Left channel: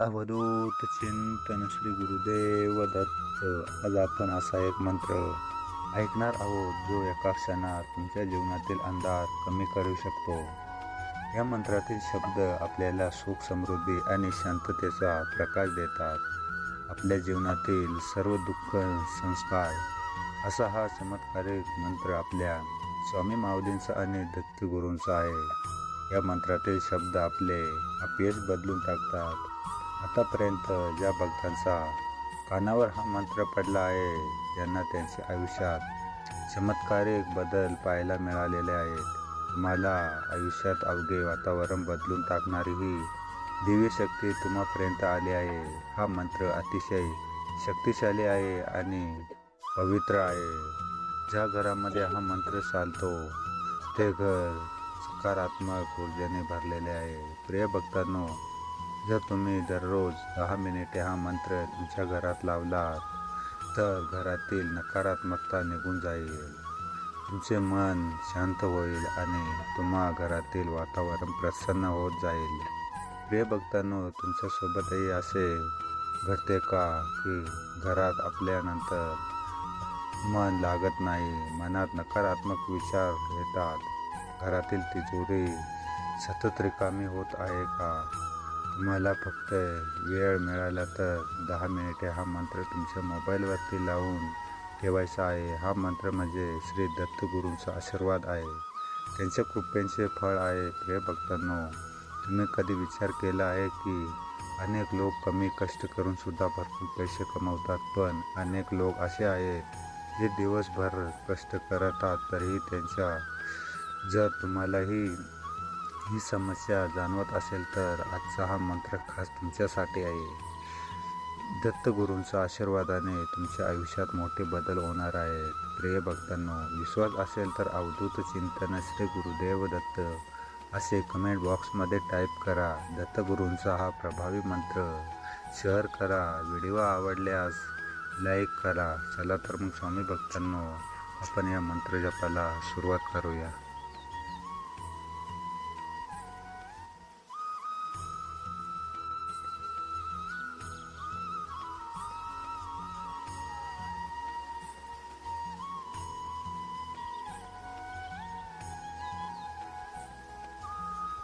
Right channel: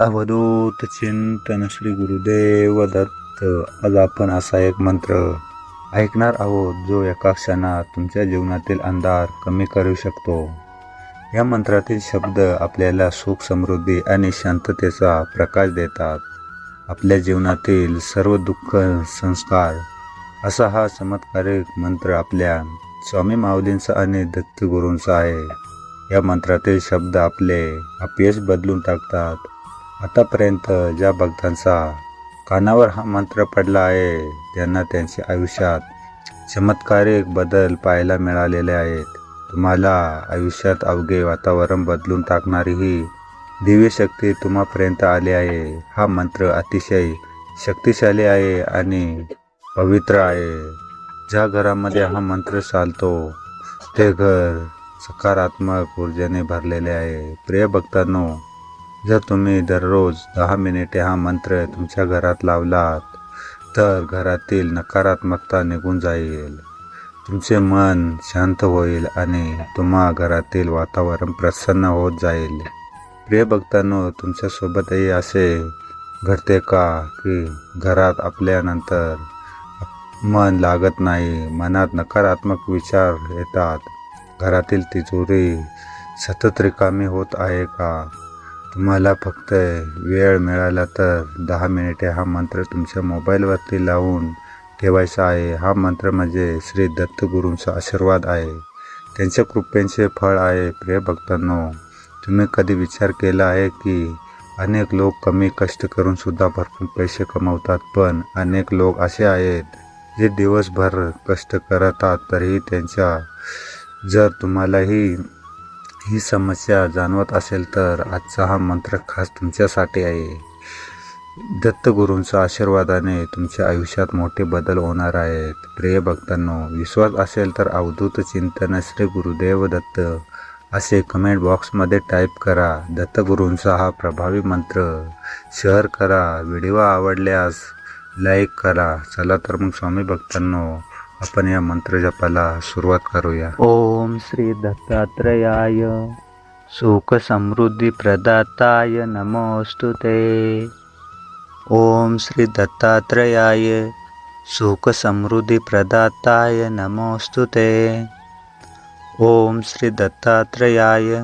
अवधूत चिंतन श्री गुरुदेव दत्त. आज आपण असा एक मंत्र ऐकणार आहोत जो एका क्षणात तुमच्या जीवनातील अंधार कमी करू शकतो. या मंत्रातील शब्द आपल्याला सुख, समृद्धी आणि शांततेचा प्रकाश देतात. आपल्या जीवनातील सर्व दुःख संस्कार असा हा चमत्कारिक मंत्र आपल्या स्वामी माऊलींचा आणि दत्तगुरूंचा आहे. या मंत्रातील शब्द आपले अपयश बदलून टाकतात. आतापर्यंत ज्या भक्तांचा कानावर हा मंत्र पडला आहे त्यांना त्यांच्या आयुष्यात चमत्कारिक बदल पाहायला मिळालेले आहेत. तुम्हाला आयुष्यात अवघे वातावरण बदलून टाकणारी ही दिव्य शक्ती तुम्हापर्यंत आली आहे. हा मंत्र अतिशय शक्तिशाली आहे आणि पवित्र आहे. ज्या घरामध्ये हा मंत्र चालतो ते घर सकारात्मक ऊर्जेने भरलेले आहे. प्रिय भक्तांनो, जर तुम्ही दररोज 10 मिनिटे हा मंत्र तुमच्या घरात लावलात तर घरातील नकारात्मकता निघून जाईल, तुमचे मन शांत होईल आणि तुम्हा घरातील वातावरण प्रसन्न होत जाईल. प्रिय भक्तांनो, तुमच्यासोबतही असे घडते का की घरात आपल्यानंतर मन लागत नाही, मनात नकारात्मक विचार येतात, घरातील तिजोरी सतत रिकामी होत आहे का? तुम्हाला फक्त वेळ मिळाला तर 10 मिनिटे हा मंत्र तुमच्या मोबाईलवरती लावून ठेवायचा आहे. हा मंत्र म्हणजे श्री दत्तगुरूंचा आशीर्वाद आहे, त्यांच्या कृपेचे फळ आहे. प्रिय भक्तांनो, तुम्ही कधी विचार केला आहे की अनेक लोक कमी कष्ट करून सुद्धा भरपूर पैसे कमवतात, पण अनेक लोक असे आहेत जे दिवसभर कष्ट करतात तरीही त्यांच्या जर तुम्हालाही ही समस्या जाणवत असेल तर आजचा हा मंत्र खास तुमच्यासाठी आहे. दत्तगुरूंच्या आशीर्वादाने तुमच्या आयुष्यात मोठे बदल होणार आहेत. प्रिय भक्तांनो, विश्वास असेल तर अवधूत चिंतन श्री गुरुदेव दत्त असे कमेंट बॉक्समध्ये टाईप करा. दत्तगुरूंचा हा प्रभावी मंत्र शेअर करा. व्हिडिओ आवडल्यास लाईक करा. चला तर मग स्वामी भक्तांनो, आपण या मंत्र जपाला सुरुवात करूया. ओम श्री दत्तात्रेयाय सुख समृद्धी प्रदाताय नमोस्तुते. ओम श्री दत्तात्रेयाय सुख समृद्धी प्रदाताय नमोस्तुते. ओम श्री दत्तात्रेयाय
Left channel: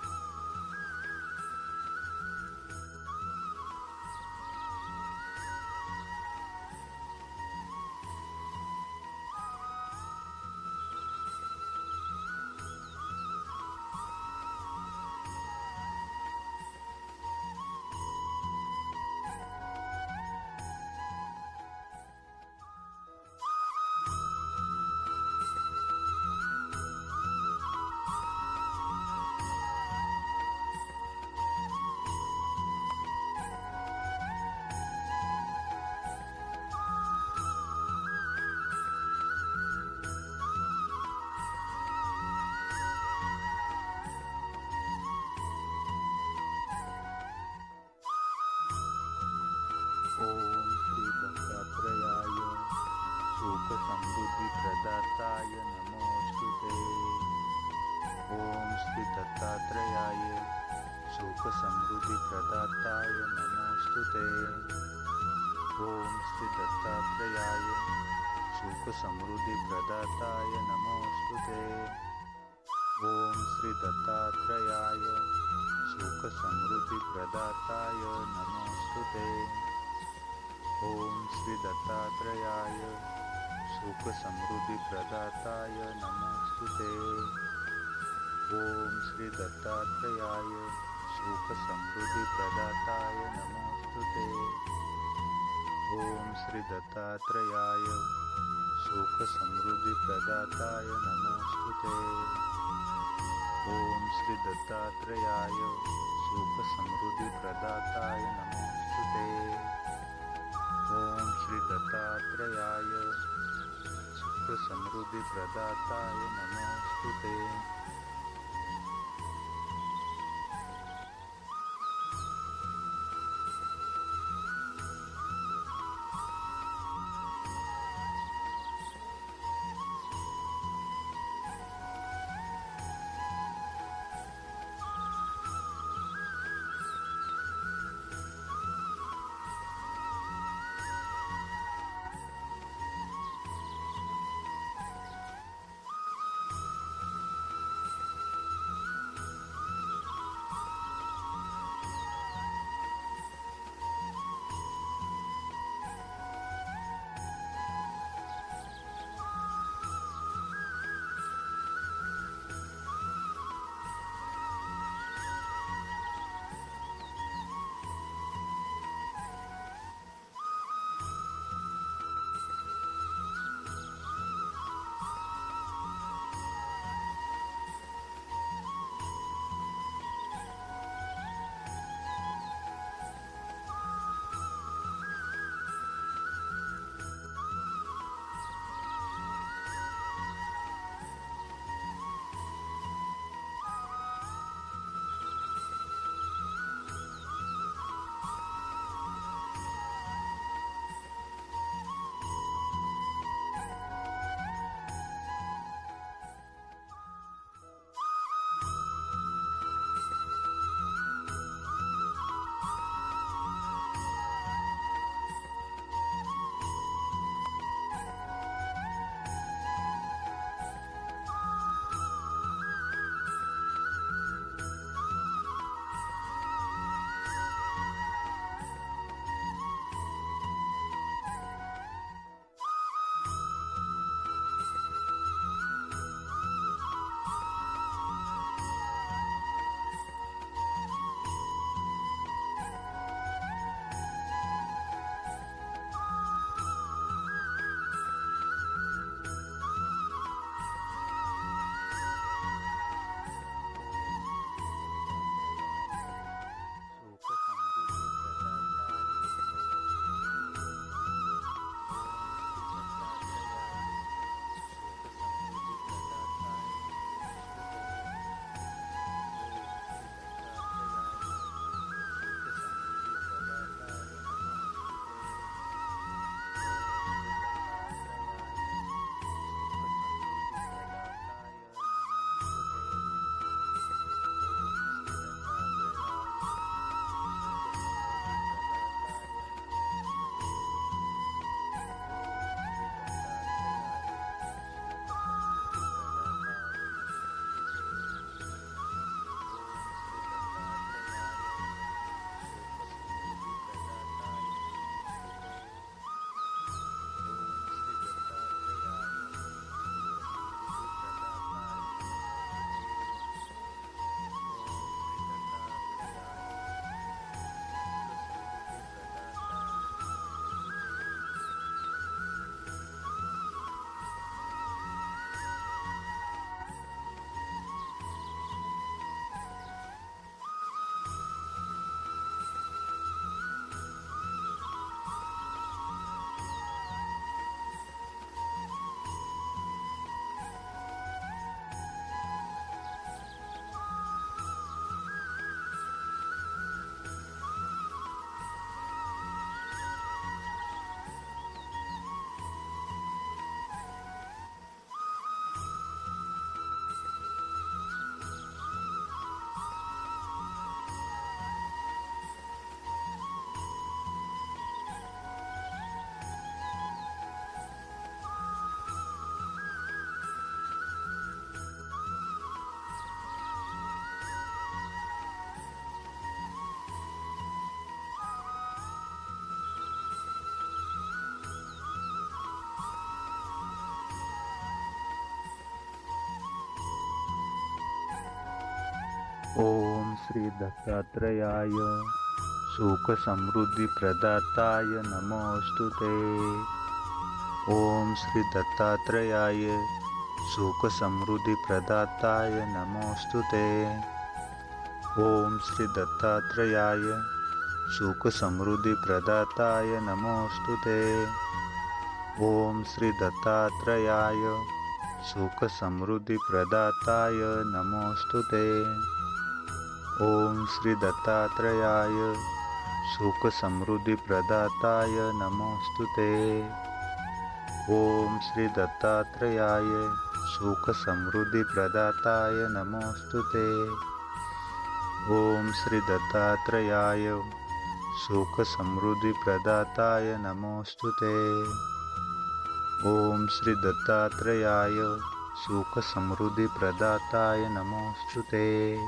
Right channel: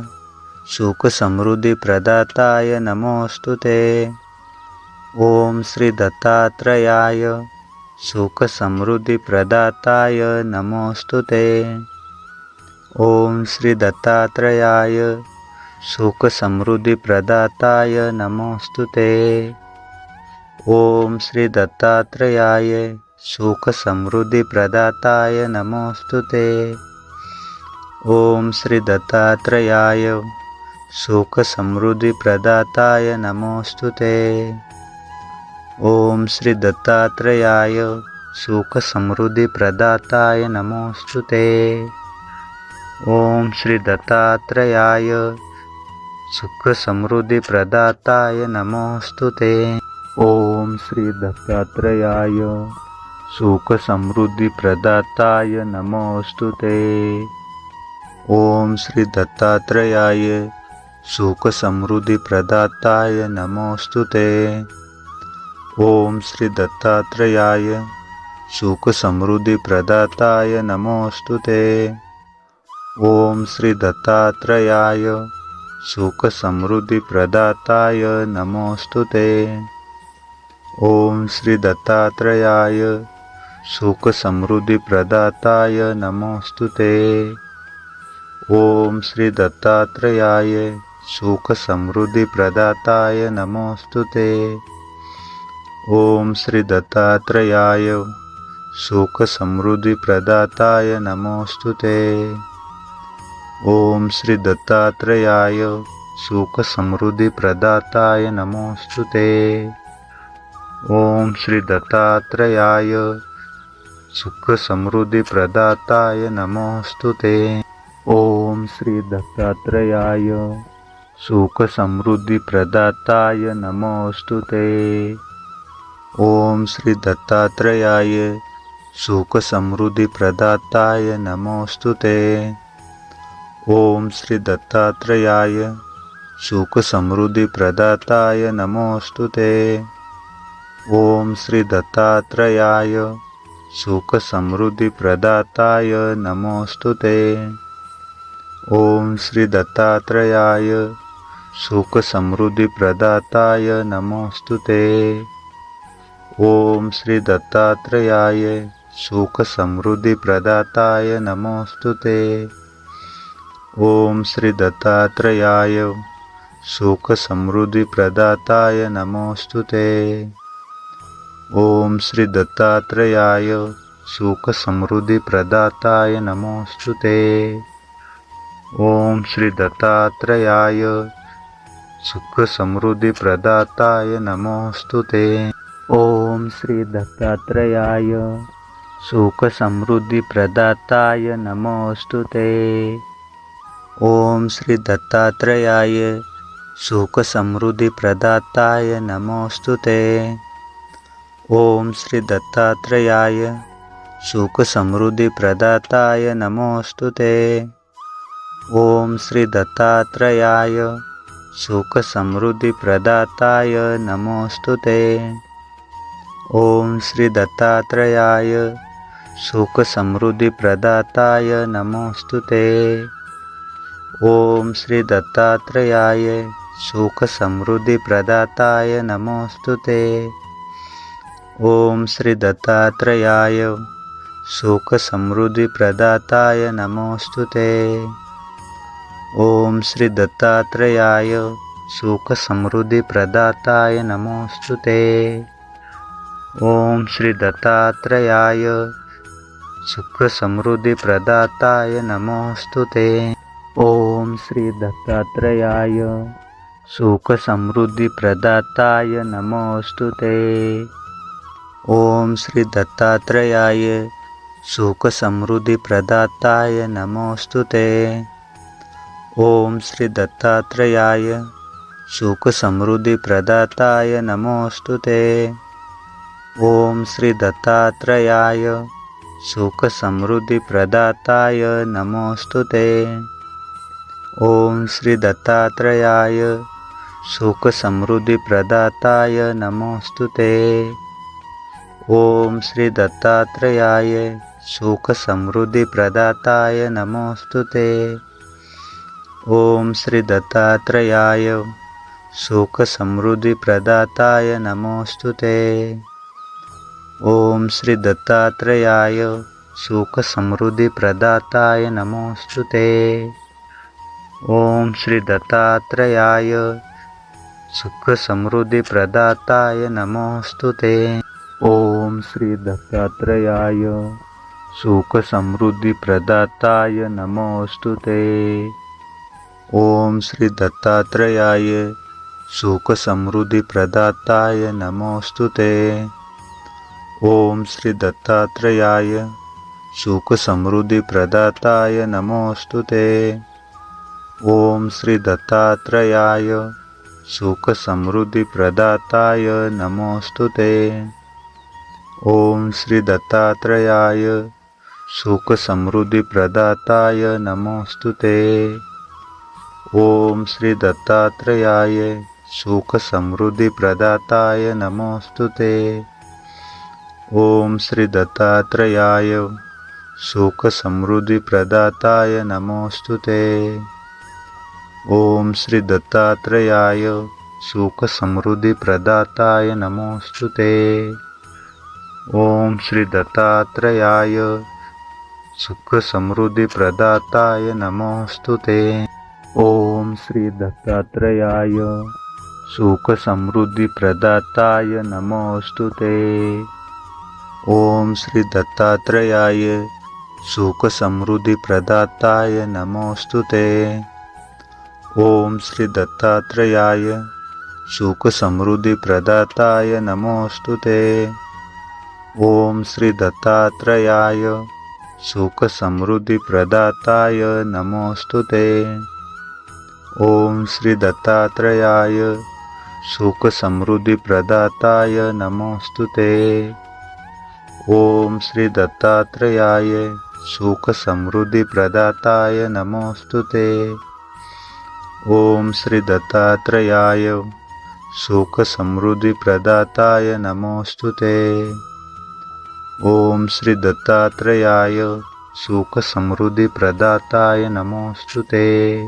सुख समृद्धी प्रदाताय नमोस्तुते. ओम श्री दत्तात्रेयाय सुख समृद्धी प्रदाताय नमोस्तुते. ओम श्री दत्तात्रेयाय सुख समृद्धी प्रदाताय नमोस्तुते. ओम श्री दत्तात्रेयाय सुख समृद्धी प्रदाताय नमोस्तुते. ओम श्री दत्तात्रेयाय सुख समृद्धी प्रदाताय नमोस्तुते. ओम श्री दत्तात्रेयाय सुख समृद्धी प्रदाताय नमोस्तुते. ओम श्री दत्तात्रेयाय सुख समृद्धी प्रदाताय नमोस्तुते. ओम श्री दत्तात्रेयाय सुख समृद्धी प्रदाताय नमोस्तुते. ओम श्री दत्तात्रेयाय सुख समृद्धी प्रदाताय नमोस्तुते. ओम श्री दत्तात्रेयाय सुख समृद्धी प्रदाताय नमोस्तुते. ओम श्री दत्तात्रेयाय सुख समृद्धी प्रदाताय नमोस्तुते. ओम श्री दत्तात्रेयाय सुख समृद्धी प्रदाताय नमोस्तुते. ओम श्री दत्तात्रेयाय सुख समृद्धी प्रदाताय नमोस्तुते. ओम श्री दत्तात्रेयाय सुख समृद्धी प्रदाताय नमोस्तुते. ओम श्री दत्तात्रेयाय सुख समृद्धी प्रदाताय नमोस्तुते. ओम श्री दत्तात्रेयाय सुख समृद्धी प्रदाताय नमोस्तुते. ओम श्री दत्तात्रेयाय सुख समृद्धी प्रदाताय नमोस्तुते. ओम श्री दत्तात्रेयाय सुख समृद्धी प्रदाताय नमोस्तुते. ओम श्री दत्तात्रेयाय सुखसमृद्धिप्रदाताय नमोऽस्तु ते। ॐ श्री दत्तात्रेयाय सुखसमृद्धिप्रदाताय नमोऽस्तु ते। ॐ श्री दत्तात्रेयाय सुखसमृद्धिप्रदाताय नमोऽस्तु ते। ॐ श्री दत्तात्रेयाय सुखसमृद्धिप्रदाताय नमोऽस्तु ते। ॐ श्री दत्तात्रेयाय सुखसमृद्धिप्रदाताय नमोऽस्तु ते। ॐ श्री दत्तात्रेयाय सुखसमृद्धिप्रदाताय नमोऽस्तु ते। ॐ श्री दत्तात्रेयाय सुखसमृद्धिप्रदाताय नमोऽस्तु ते। ॐ श्री दत्तात्रेयाय सुखसमृद्धिप्रदाताय नमोऽस्तु ते। ॐ श्री दत्तात्रेयाय सुखसमृद्धिप्रदाताय नमोऽस्तु ते। ॐ श्री दत्तात्रेयाय सुखसमृद्धिप्रदाताय नमोऽस्तु ते। ॐ श्री दत्तात्रेयाय सुखसमृद्धिप्रदाताय नमोऽस्तु ते। ॐ श्री दत्तात्रेयाय सुखसमृद्धिप्रदाताय नमोऽस्तु ते। ॐ श्री दत्तात्रेयाय सुखसमृद्धिप्रदाताय नमोऽस्तु ते। ॐ श्री दत्तात्रेयाय सुखसमृद्धिप्रदाताय नमोऽस्तु ते। ॐ श्री दत्तात्रेयाय सुखसमृद्धिप्रदाताय नमोऽस्तु ते। ॐ श्री दत्तात्रेयाय सुखसमृद्धिप्रदाताय नमोऽस्तु ते। ॐ श्री दत्तात्रेयाय सुखसमृद्धिप्रदाताय नमोऽस्तु ते। ॐ श्री दत्तात्रेयाय सुखसमृद्धिप्रदाताय नमोऽस्तु ते। ॐ श्री दत्तात्रेयाय सुखसमृद्धिप्रदाताय नमोऽस्तु ते। ॐ श्री दत्तात्रेयाय सुखसमृद्धिप्रदाताय नमोऽस्तु ते। ॐ श्री दत्तात्रेयाय सुखसमृद्धिप्रदाताय नमोऽस्तु ते। ॐ श्री दत्तात्रेयाय सुखसमृद्धिप्रदाताय नमोऽस्तु ते। ॐ श्री दत्तात्रेयाय सुखसमृद्धिप्रदाताय नमोऽस्तु ते। ॐ श्री दत्तात्रेयाय सुखसमृद्धिप्रदाताय नमोऽस्तु ते। ॐ श्री दत्तात्रेयाय सुखसमृद्धिप्रदाताय नमोऽस्तु ते। ॐ श्री दत्तात्रेयाय सुखसमृद्धिप्रदाताय नमोऽस्तु ते। ॐ श्री दत्तात्रेयाय सुखसमृद्धिप्रदाताय नमोऽस्तु ते। ॐ श्री दत्तात्रेयाय सुखसमृद्धिप्रदाताय नमोऽस्तु ते। ॐ श्री दत्तात्रेयाय सुखसमृद्धिप्रदाताय नमोऽस्तु ते। ॐ श्री दत्तात्रेयाय सुखसमृद्धिप्रदाताय नमोऽस्तु ते। ॐ श्री दत्तात्रेयाय सुखसमृद्धिप्रदाताय नमोऽस्तु ते। ॐ श्री दत्तात्रेयाय सुखसमृद्धिप्रदाताय नमोऽस्तु ते। ॐ श्री दत्तात्रेयाय सुखसमृद्धिप्रदाताय नमोऽस्तु ते। ॐ श्री दत्तात्रेयाय सुखसमृद्धिप्रदाताय नमोऽस्तु ते। ॐ श्री दत्तात्रेयाय सुखसमृद्धिप्रदाताय नमोऽस्तु ते। ॐ श्री दत्तात्रेयाय सुखसमृद्धिप्रदाताय नमोऽस्तु ते। ॐ श्री दत्तात्रेयाय सुखसमृद्धिप्रदाताय नमोऽस्तु ते। ॐ श्री दत्तात्रेयाय सुखसमृद्धिप्रदाताय नमोऽस्तु ते। ॐ श्री दत्तात्रेयाय सुखसमृद्धिप्रदाताय नमोऽस्तु ते। ॐ श्री दत्तात्रेयाय सुखसमृद्धिप्रदाताय नमोऽस्तु ते। ओम श्री दत्तात्रेयाय सुख समृद्धी प्रदाताय नमोस्तुते। ओम श्री दत्तात्रेयाय सुख समृद्धी प्रदाताय नमोस्तुते।